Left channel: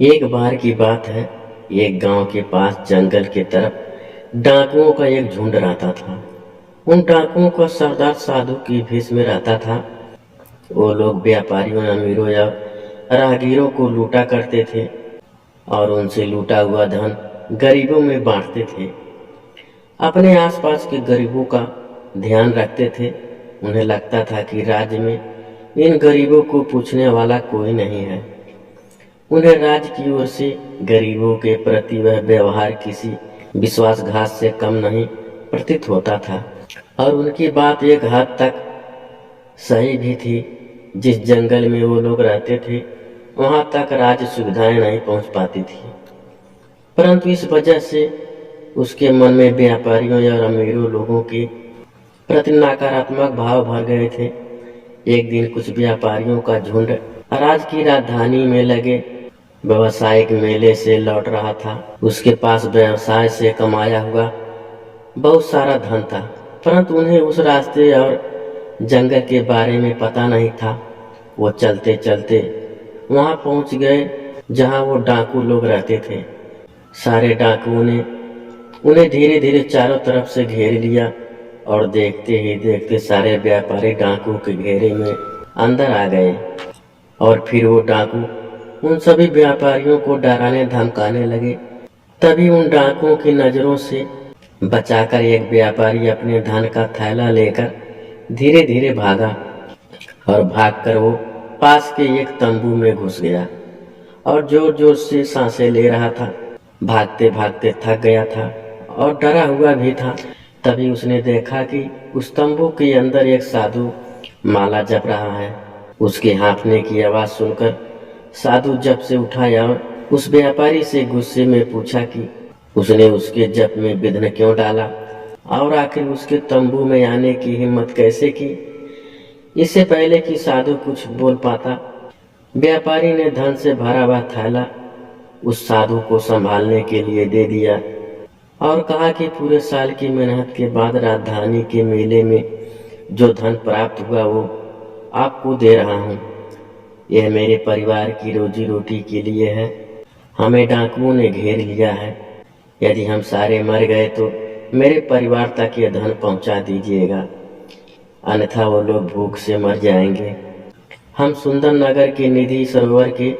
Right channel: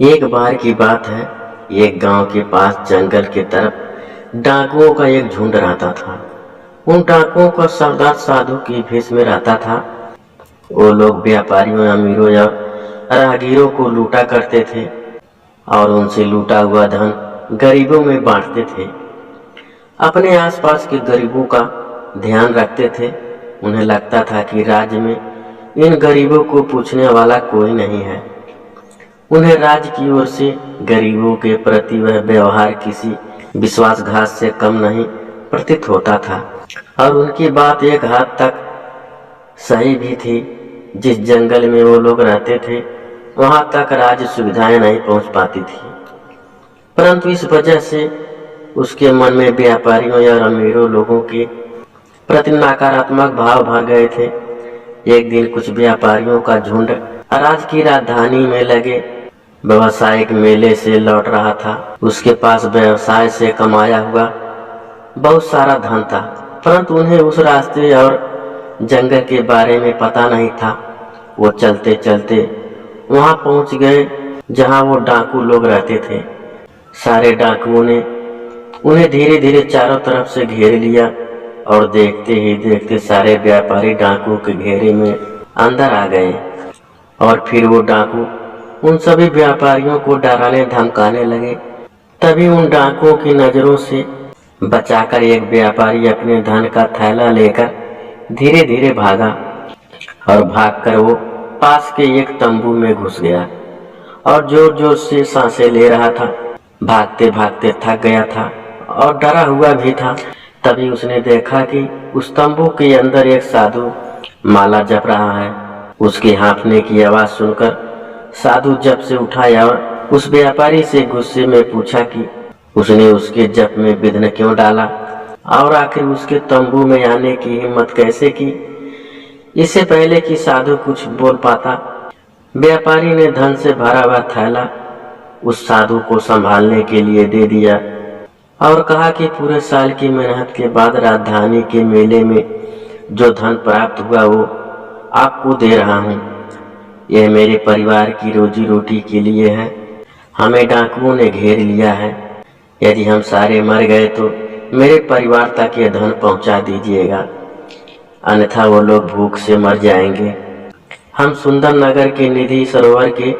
एक बार की बात है। एक गांव के पास जंगल की तरफ डाकुओं का एक झुंड रहता था। उन डाकुओं का सरदार साधु की भेष में रहता था। वो लोग व्यापारियों, अमीरों या राहगीरों को लूटा करते थे और उनसे लूटा हुआ धन गरीबों में बांटते थे। अपने आसपास के गरीबों का ध्यान रखते थे। उन्हें लगता था कि राज्य में इन गरीबों को पूछने वाला कोई नहीं है। उन्हें राज्य की ओर से गरीबों के प्रति वह व्यवहार किसी विश्वासघात से कम नहीं प्रतीत होता था। और उनकी बात एक हद तक सही भी थी। जिस जंगल में वो लोग रहते थे वहां तक राज्य सुविधाएं नहीं पहुंच पाती थी, परंतु इस वजह से उसके मन में व्यापारियों या अमीरों लोगों के प्रति नकारात्मक भाव भर गए थे। एक दिन कुछ व्यापारियों का झुंड राज्य की राजधानी में लगे व्यवसायिक मेले से लौट रहा था। उसके पास व्यवसाय से कमाया हुआ बहुत सारा धन था, परंतु उन्हें उस रास्ते और जंगल के बारे में पता नहीं था। वो चलते चलते वहां पहुंच गए जहां वो डाकू लोग रहते थे। सारे डाकुओं ने उन्हें धीरे धीरे चारों तरफ से घेर लिया और देखते ही देखते सारे व्यापारी डाकू के घेरे में अंदर आ गए। और फिर वो डाकू उन सभी व्यापारियों को डराने धमकाने लगे। तभी उन डाकुओं की नजरों से बचाकर एक व्यापारी अपने धन का थैला लेकर धीरे धीरे भागा और भागकर वो पास के एक तंबू में घुस गया और जोर जोर से सांसें ले रहा था। भागते भागते थक गया था और डरा हुआ भी था। तभी उसने देखा कि उस तंबू के अंदर एक साधु माला जप रहा है। उसके हाँफने की आवाज सुनकर साधु जप से उठाया और उस व्यापारी से गुस्से में पूछा कि उसने उसके जप में विघ्न क्यों डाला और आखिर उसके तंबू में आने की हिम्मत कैसे की। इससे पहले कि साधु कुछ बोल पाता, व्यापारी ने धन से भरा हुआ थैला उस साधु को संभालने के लिए दे दिया और कहा कि पूरे साल की मेहनत के बाद राजधानी के मेले में जो धन प्राप्त हुआ वो आपको दे रहा हूँ। यह मेरे परिवार की रोजी रोटी के लिए है। हमें डाकुओं ने घेर लिया है। यदि हम सारे मर गए तो मेरे परिवार तक यह धन पहुंचा दीजिएगा, अन्यथा वो लोग भूख से मर जाएंगे। हम सुंदर नगर के निधि सरोवर के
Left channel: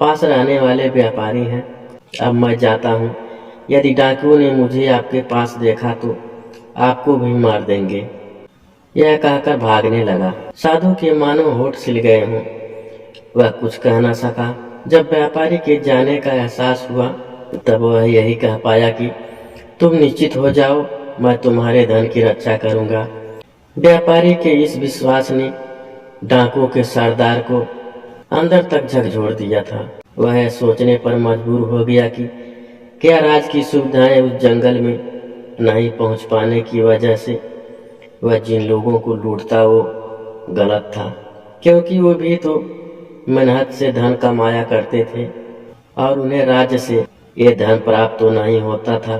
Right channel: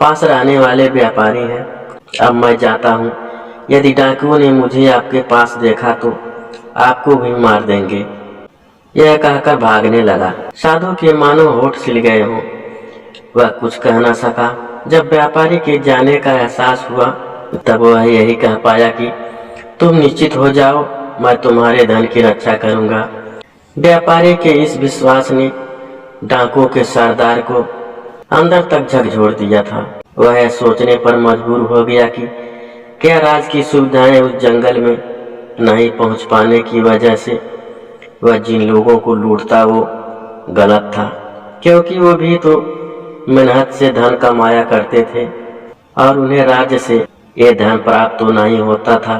पास रहने वाले व्यापारी हैं। अब मैं जाता हूँ। यदि डाकुओं ने मुझे आपके पास देखा तो आपको भी मार देंगे। यह कहकर भागने लगा। साधु के मानो होठ सिल गए हों। वह कुछ कह न सका। जब व्यापारी के जाने का एहसास हुआ तब वह यही कह पाया कि तुम निश्चित हो जाओ, मैं तुम्हारे धन की रक्षा करूंगा। व्यापारी के इस विश्वास ने डाकुओं के सरदार को अंदर तक झकझोर दिया था। वह यह सोचने पर मजबूर हो गया कि क्या राज की सुविधाएं उस जंगल में नहीं पहुंच पाने की वजह से वह जिन लोगों को लूटता वो गलत था, क्योंकि वो भी तो मेहनत से धन कमाया करते थे और उन्हें राज्य से ये धन प्राप्त तो नहीं होता था।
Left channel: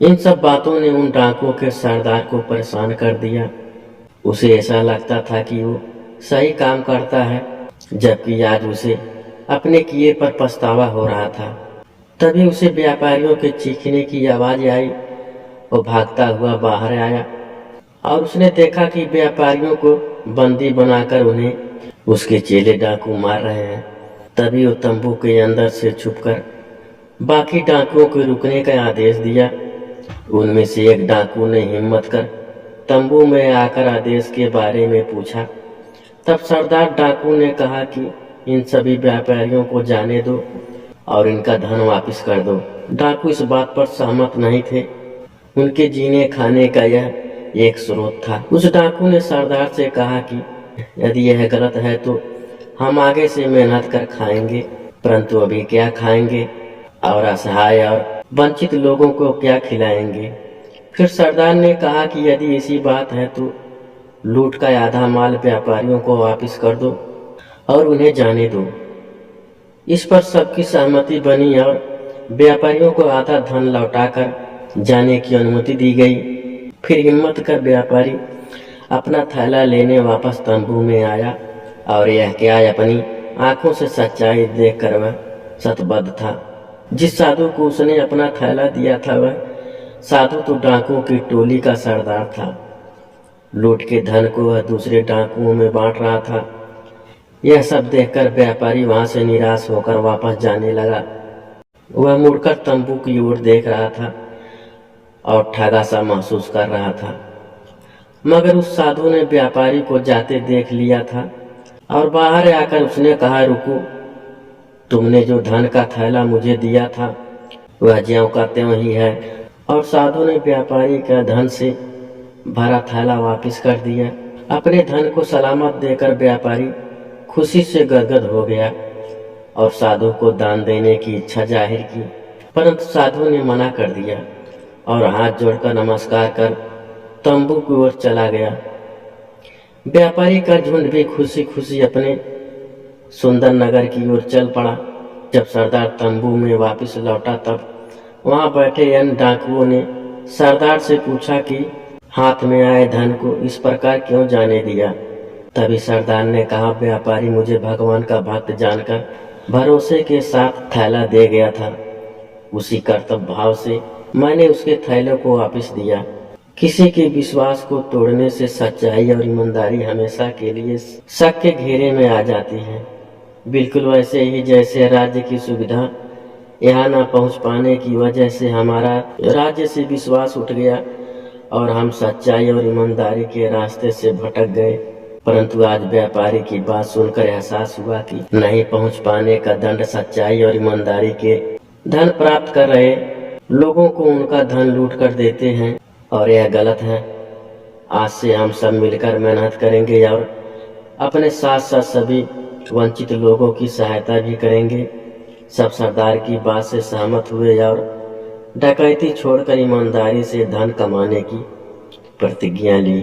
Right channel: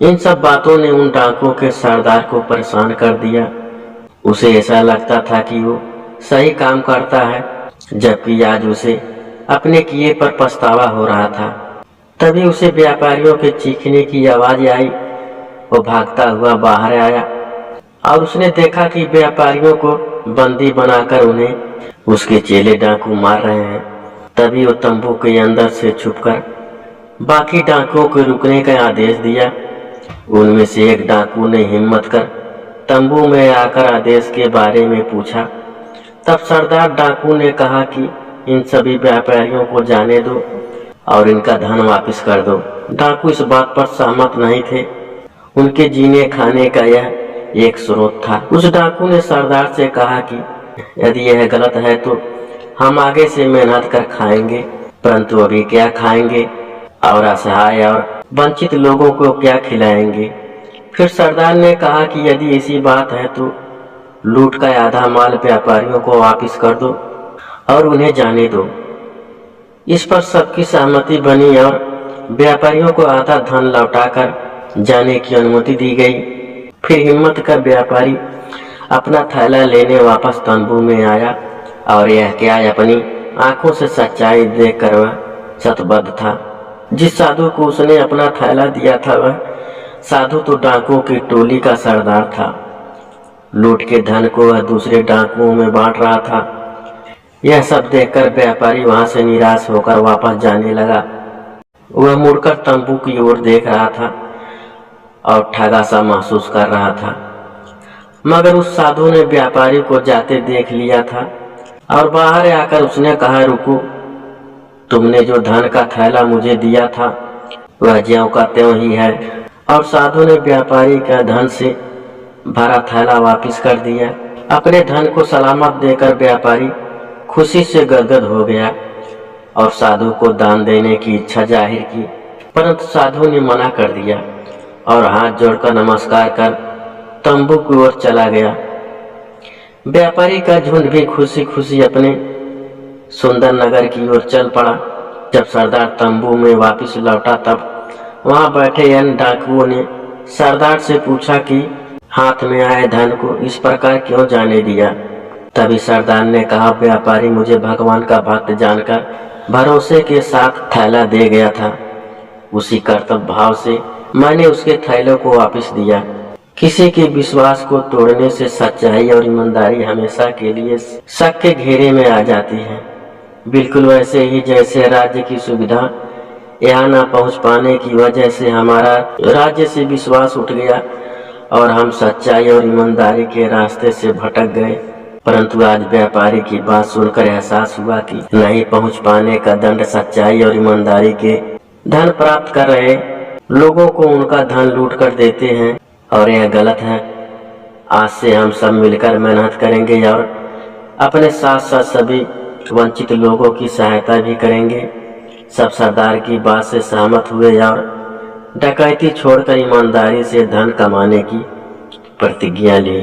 इन सब बातों ने उन डाकुओं के सरदार को परेशान कर दिया। उसे ऐसा लगता था कि वो सही काम करता है, जबकि आज उसे अपने किए पर पछतावा हो रहा था। तभी उसे व्यापारियों के चीखने की आवाज आई। वो भागता हुआ बाहर आया और उसने देखा कि व्यापारियों को बंदी बनाकर उन्हें उसके चेले डाकू मार रहे हैं। तभी वो तंबू के अंदर से छुपकर बाकी डाकुओं को रुकने का आदेश दिया। उनमें से एक डाकू ने हिम्मत कर तंबू में आकर आदेश के बारे में पूछा। तब सरदार डाकू ने कहा कि इन सभी व्यापारियों को जाने दो और इनका धन वापस कर दो। डाकू इस बात पर सहमत नहीं थे। उनके जीने खाने का यह एक स्रोत था। उस डाकू ने सरदार से कहा कि यदि यह गलत है तो हम आगे से मेहनत कर खाएंगे, परंतु अभी क्या खाएंगे और असहाय और वंचित लोगों को क्या खिलाएंगे। फिर सरदार ने कहा कि यदि ऐसी बात है तो लूट का आधा माल व्यापारियों को वापस कर दो और उन्हें जाने दो। इस पर सबकी सहमति बनी और व्यापारियों को आधा धन लौटाकर जाने की अनुमति दी गई। फिर हिम्मत कर व्यापारी अपना थैला लेने वापस तंबू में आया और यह क्या अपनी आंखों से सच्चाई देखकर वह शतबद्ध था। जिस साधु को उसने अपना थैला दिया था वह साधु तो डाकुओं की टोली का सरदार था। लूट के धन को वह दूसरे डाकुओं में बांट रहा था। यह सब देखकर व्यापारी वहां से निराश होकर वापस जाने लगा। वह मुड़कर तंबू की ओर देख रहा था और ठगा सा महसूस कर रहा था। मगर उस साधु ने व्यापारी को जाते देख लिया था और बाहर आकर उसने कहा, रुको, तुमने जो धन का थैला मुझे दिया था वह ज्यों का त्यों ही है। और साधु ने व्यापारी का धन से भरा थैला वापस कर दिया। अपने धन को सलामत देकर व्यापारी खुशी से गदगद हो गया और साधु को दान देने की इच्छा जाहिर की, परंतु साधु ने मना कर दिया और हाथ जोड़कर नमस्कार कर तंबू की ओर चला गया। व्यापारी का झुंड भी खुशी खुशी अपने सुंदर नगर की ओर चल पड़ा। जब सरदार तंबू में वापस लौटा तब वहां बैठे अन्य डाकुओं ने सरदार से पूछा कि हाथ में आए धन को इस प्रकार क्यों जाने दिया। तभी सरदार ने कहा, व्यापारी मुझे भगवान का भक्त जानकर भरोसे के साथ थैला दे गया था। उसी कर्तव्य भाव से मैंने उसके थैले को वापस दिया। किसी के विश्वास को तोड़ने से सच्चाई और ईमानदारी हमेशा के लिए शक के घेरे में आ जाती है। बिल्कुल वैसे ही जैसे राज्य की सुविधा यहाँ न पहुँच पाने की वजह से हमारा राज्य से विश्वास उठ गया और हम सच्चाई और ईमानदारी के रास्ते से भटक गए। परंतु आज व्यापारी की बात सुनकर एहसास हुआ कि नहीं पहुँच पाने का दंड सच्चाई और ईमानदारी के धन प्राप्त कर रहे लोगों को उनका धन लूट कर देते हैं और यह गलत है। आज से हम सब मिलकर मेहनत करेंगे और अपने साथ साथ सभी वंचित लोगों की सहायता भी करेंगे। सब सरदार की बात से सहमत हुए और डकैती छोड़कर ईमानदारी से धन कमाने की प्रतिज्ञा ली।